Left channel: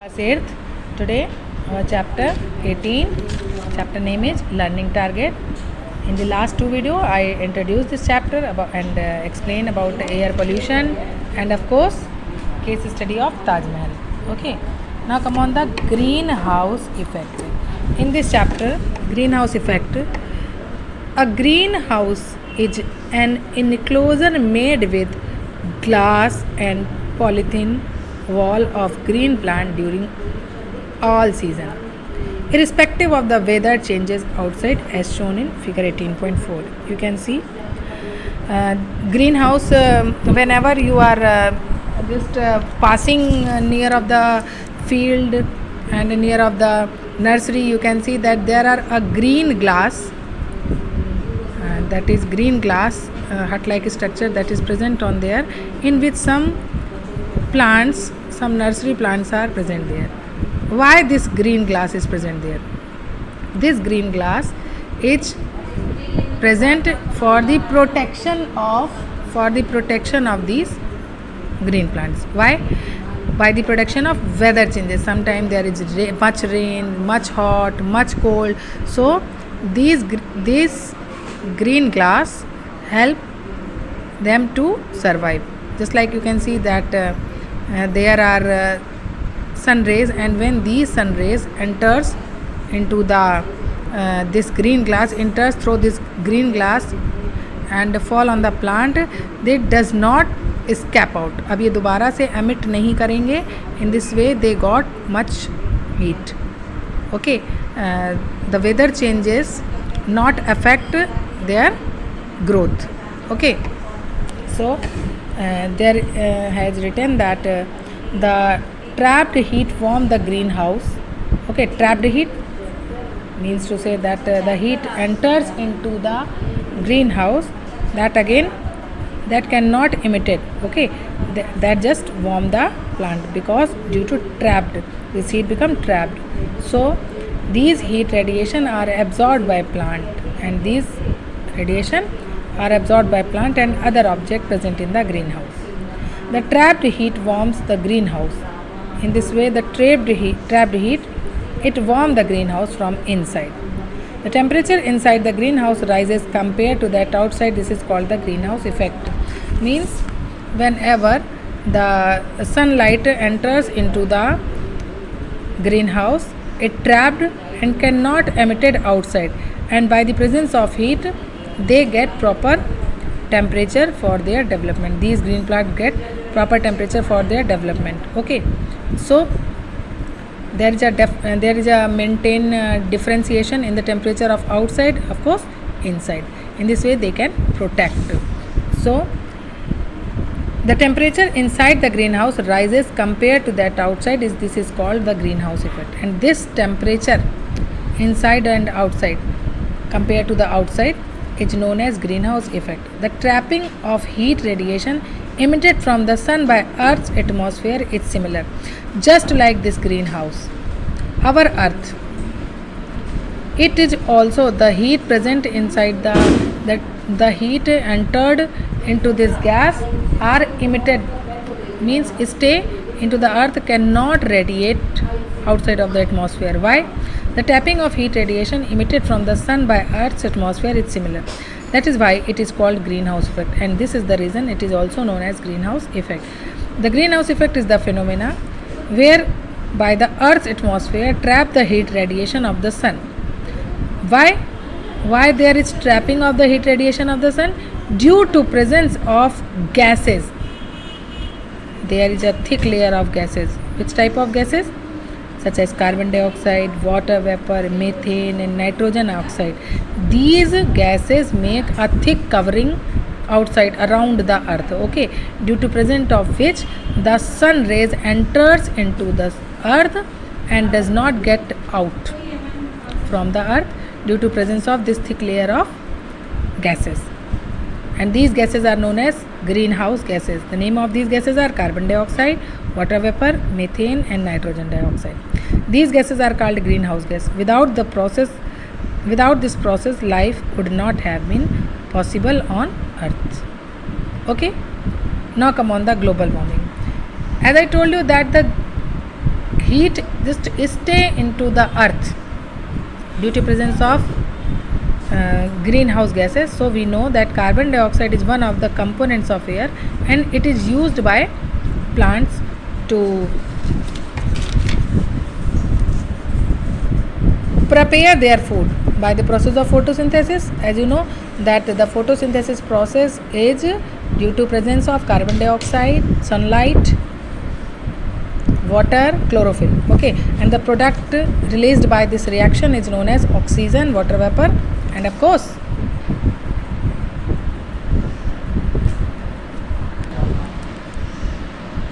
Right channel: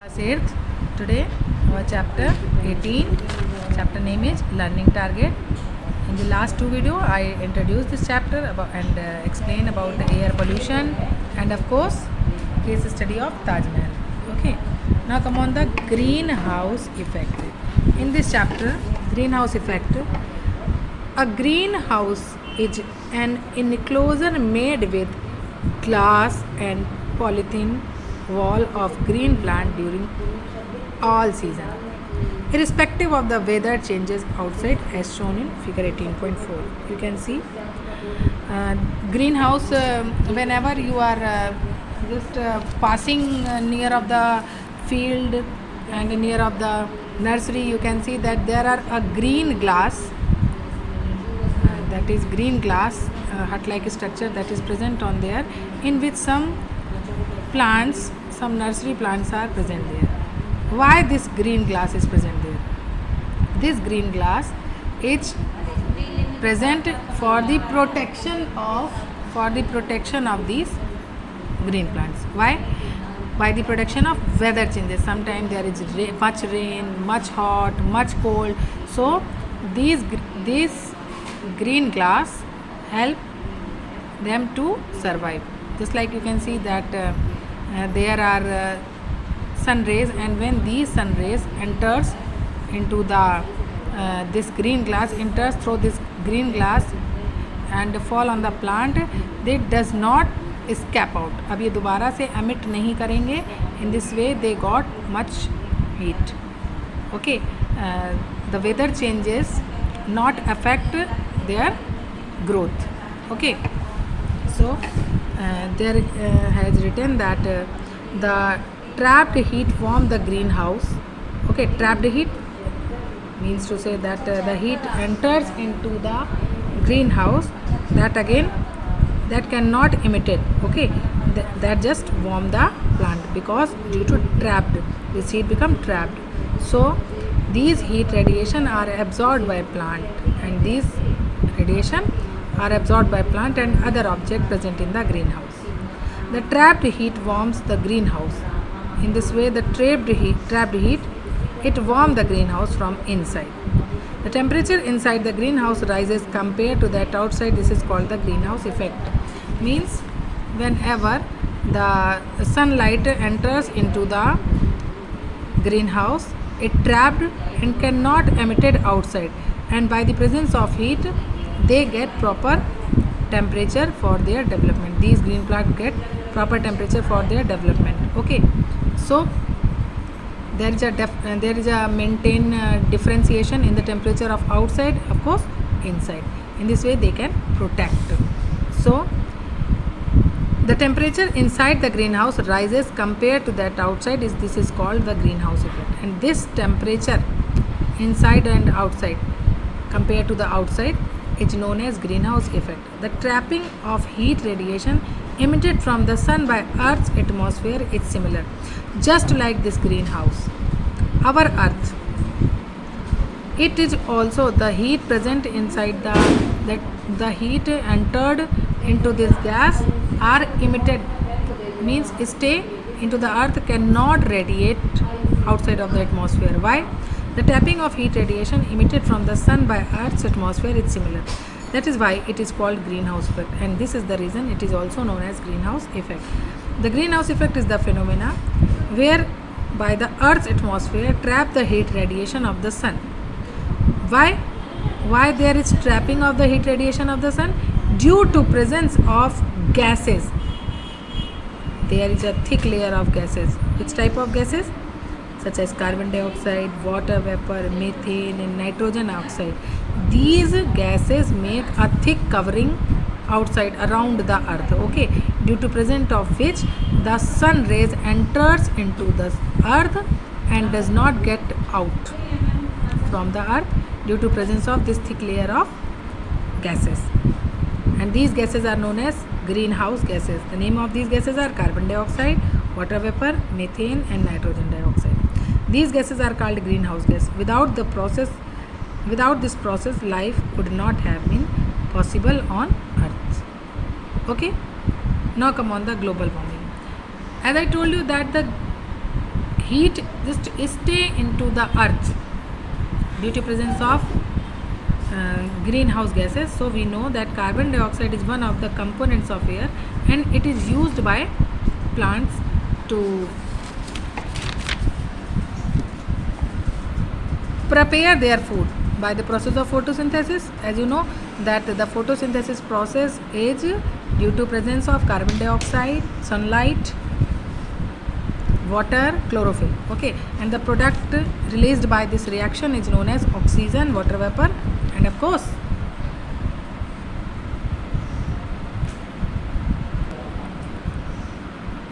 Class 8th. Today our chapter 18. Chapter name is Learning Target. In the last two video I introduced this chapter about and explain about air pollution and of course case study of Taj Mahal. Okay. Now come on the greenhouse effect. In this chapter greenhouse effect, a greenhouse is an enclosure made with glass and polythene wall of green plant during all season, irrespective of the weather changes outside, as shown in figure 18.4. You can see greenhouse. Whenever you are just passing near of the field and near of the nursery, you can see that there are a green glass, that is green glass hut like structure that is present on there, in which some plants, some nursery plants are present there. Why this green glass is present there? This green glass is present for the protection of these green plants. Why? By the protection of weather changes. Sometimes there is much rain, much hot, much cold. So this green glass help them to survive. Just like you can see that there are sun rays, and when these sun rays enters into the this green glass, enters through this green glass and fall on the plant, they does not escape out. अब ये दोबारा से emit नहीं करेंगे. In this way they got much heat. Okay, the weather changes not affect their growth. Okay, so there has written that the trapped heat warm the greenhouse. Okay, trapped heat means to say that the heat enters into the greenhouse, that again that cannot emit it. Okay, that just warm the plant, because due to trapped, this heat become trapped. So these heat radiation are absorbed by plant, and these radiation are absorbed by plant and other object present in the greenhouse. The trapped heat warms the greenhouse. In this way, the trapped heat, it warms the greenhouse from inside. The temperature inside the greenhouse rises compared to that outside. This is called the greenhouse effect. Means whenever the sunlight enters into the greenhouse, it trapped and cannot emitted outside, and by the presence of heat they get proper temperature for their development. These green plants get proper temperature for their development. Okay, so there is a maintain differentiation in the temperature of outside, of course inside. In this way they can protect. So the temperature inside the greenhouse rises compared to that outside. This is called the greenhouse effect, and this temperature inside and outside compared to the outside is known as greenhouse effect. The trapping of heat radiation emitted from the sun by Earth's atmosphere is similar. Just like this greenhouse, our Earth, it is also the heat present inside the heat entered into this gas are emitted, means stay into the earth, cannot radiate outside of the atmosphere. Why? The tapping of heat radiation emitted from the sun by Earth's atmosphere is similar. That is why it is called greenhouse effect, and this is the reason it is also known as greenhouse effect. The greenhouse effect is the phenomena where by the Earth's atmosphere trap the heat radiation of the sun. Why there is trapping of the heat radiation of the sun? Due to presence of gases. There is a thick layer of gases. Which type of gases? Such as carbon dioxide, water vapor, methane and nitrogen oxide. These gases make a thick covering outside around the earth. Okay, due to presence of which the sun rays enters into the earth and does not get out from the earth due to presence of this thick layer of gases. And these gases are known as greenhouse gases. The name of these gases are carbon dioxide, water vapor, methane and nitrogen dioxide. These gases are called greenhouse gas. Without this process, life would not have been possible on Earth. Okay, now come on the global warming. As I told you that the heat just stay into the earth due to presence of greenhouse gases. So we know that carbon dioxide is one of the components of air, and it is used by plants to prepare their food by the process of photosynthesis. As you know that the photosynthesis process is due to presence of carbon dioxide, sunlight, water, chlorophyll. Okay, and the product released by this reaction is known as oxygen, water vapor, and of course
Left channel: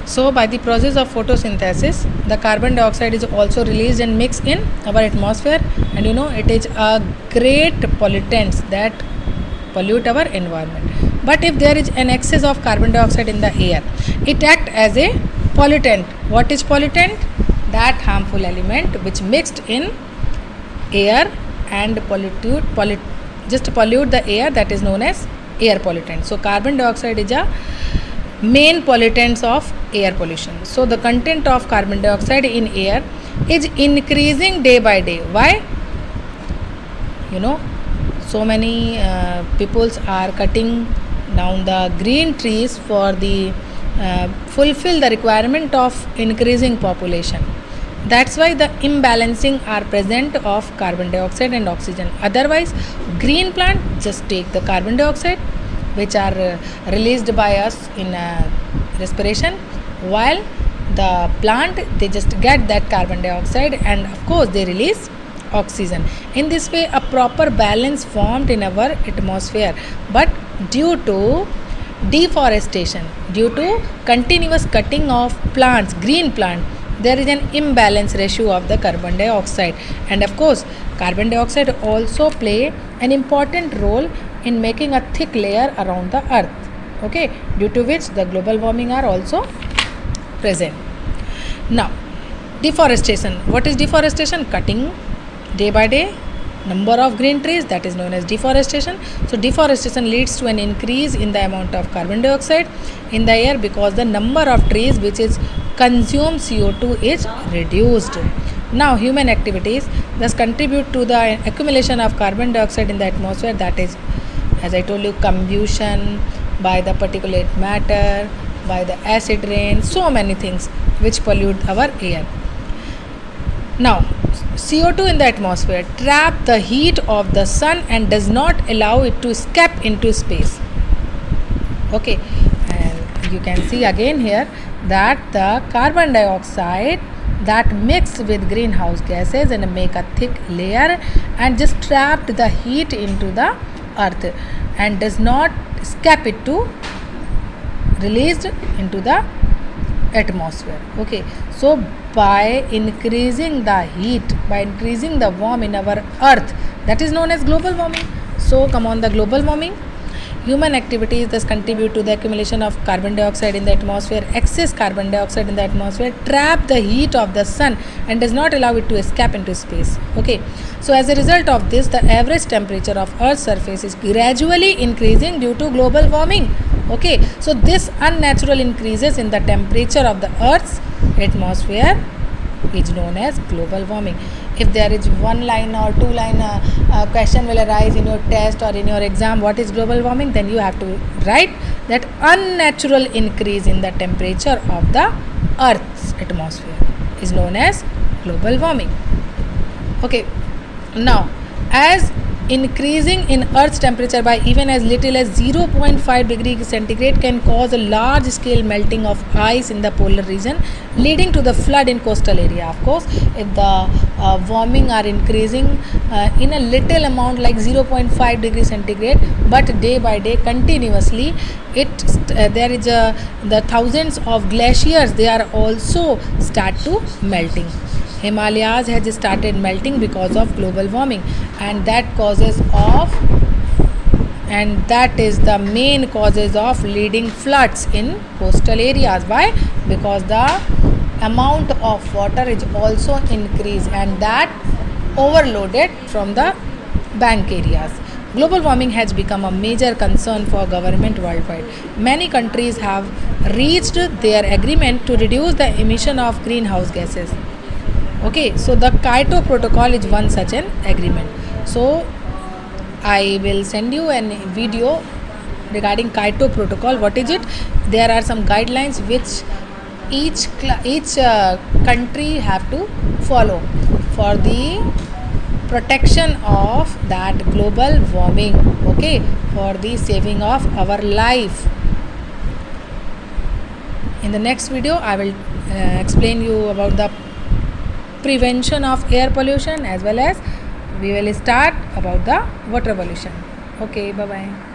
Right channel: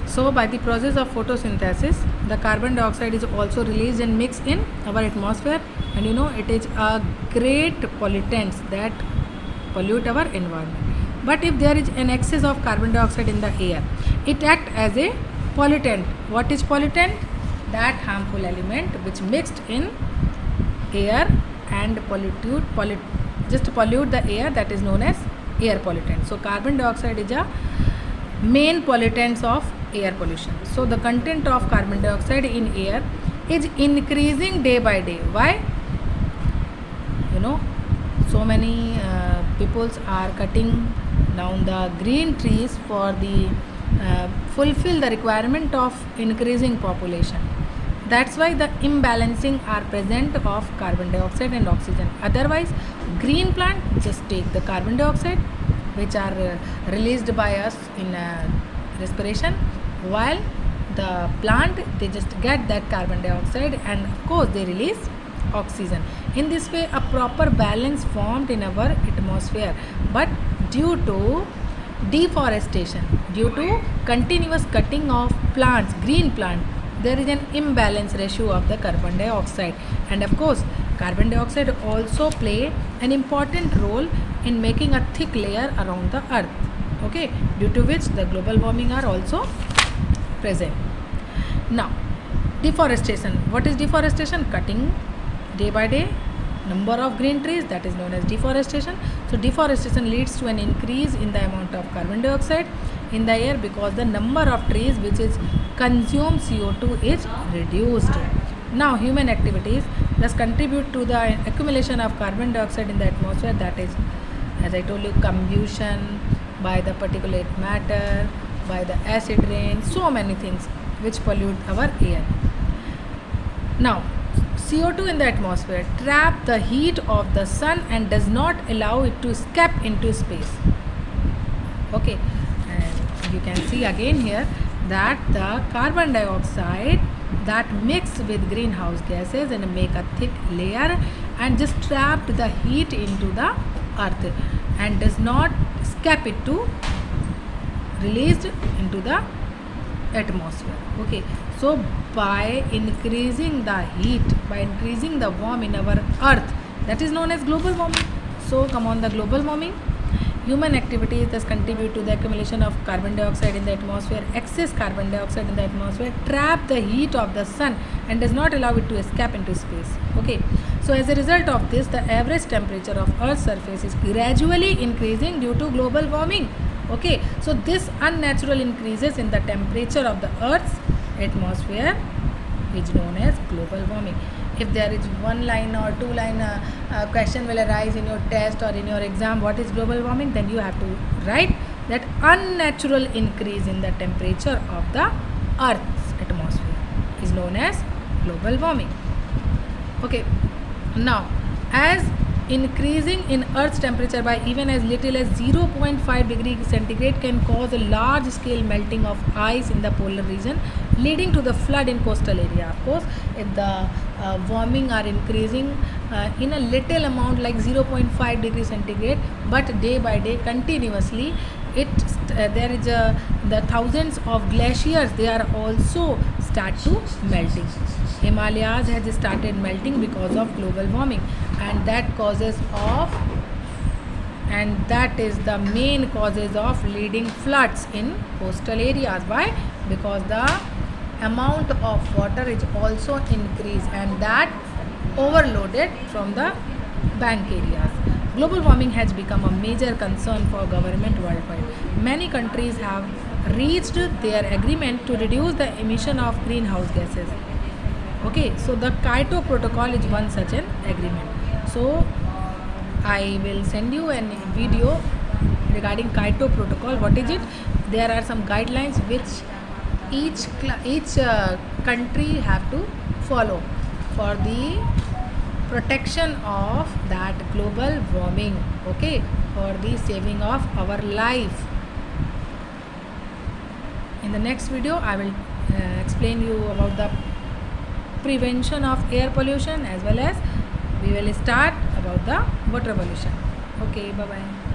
so by the process of photosynthesis the carbon dioxide is also released and mixed in our atmosphere, and you know it is a great pollutants that pollute our environment. But if there is an excess of carbon dioxide in the air, it acts as a pollutant. What is pollutant? That harmful element which mixed in air and pollute the air, that is known as air pollutant. So carbon dioxide is a main pollutants of air pollution. So the content of carbon dioxide in air is increasing day by day. Why? You know, so many peoples are cutting down the green trees for the fulfill the requirement of increasing population. That's why the imbalancing are present of carbon dioxide and oxygen. Otherwise green plant just take the carbon dioxide which are released by us in respiration, while the plant they just get that carbon dioxide and of course they release oxygen. In this way a proper balance formed in our atmosphere, but due to deforestation, due to continuous cutting of plants, green plant, there is an imbalance ratio of the carbon dioxide. And of course carbon dioxide also play an important role in making a thick layer around the earth, okay, due to which the global warming are also present. Now deforestation. What is deforestation? Cutting day by day number of green trees, that is known as deforestation. So deforestation leads to an increase in the amount of carbon dioxide in the air because the number of trees which is consume CO2 is reduced. Now human activities thus contribute to the accumulation of carbon dioxide in the atmosphere, that is, as I told you, combustion by the particulate matter, by the acid rain, so many things which pollute our air. Now CO2 in the atmosphere trap the heat of the sun and does not allow it to escape into space. Okay, and you can see again here that the carbon dioxide that mixed with greenhouse gases and make a thick layer and just trapped the heat into the earth and does not escape it to released into the atmosphere. Okay, so by increasing the heat, by increasing the warmth in our earth, that is known as global warming. So come on, the global warming, human activities thus contribute to the accumulation of carbon dioxide in the atmosphere. Excess carbon dioxide in the atmosphere trap the heat of the sun and does not allow it to escape into space. Okay, so as a result of this the average temperature of earth's surface is gradually increasing due to global warming. Okay, so this unnatural increases in the temperature of the earth's atmosphere is known as global warming. If there is one line or two line question will arise in your test or in your exam, what is global warming, then you have to write that unnatural increase in the temperature of the earth's atmosphere is known as global warming. Okay, now as increasing in earth's temperature by even as little as 0.5 degree centigrade can cause a large scale melting of ice in the polar region, leading to the flood in coastal area. Of course, if the warming are increasing in a little amount like 0.5 degree centigrade, but day by day continuously there is the thousands of glaciers, they are also start to melting. Himalayas has started melting because of global warming, and that is the main causes of leading floods in coastal areas. Why? Because the amount of water is also increased and that overloaded from the bank areas. Global warming has become a major concern for government worldwide. Many countries have reached their agreement to reduce the emission of greenhouse gases. Okay, so the Kyoto Protocol is one such an agreement. So I will send you a video regarding Kyoto Protocol. What is it? There are some guidelines which each country have to follow for the protection of that global warming. Okay, for the saving of our life. In the next video, I will explain you about the prevention of air pollution, as well as we will start about the water pollution. Okay, bye bye.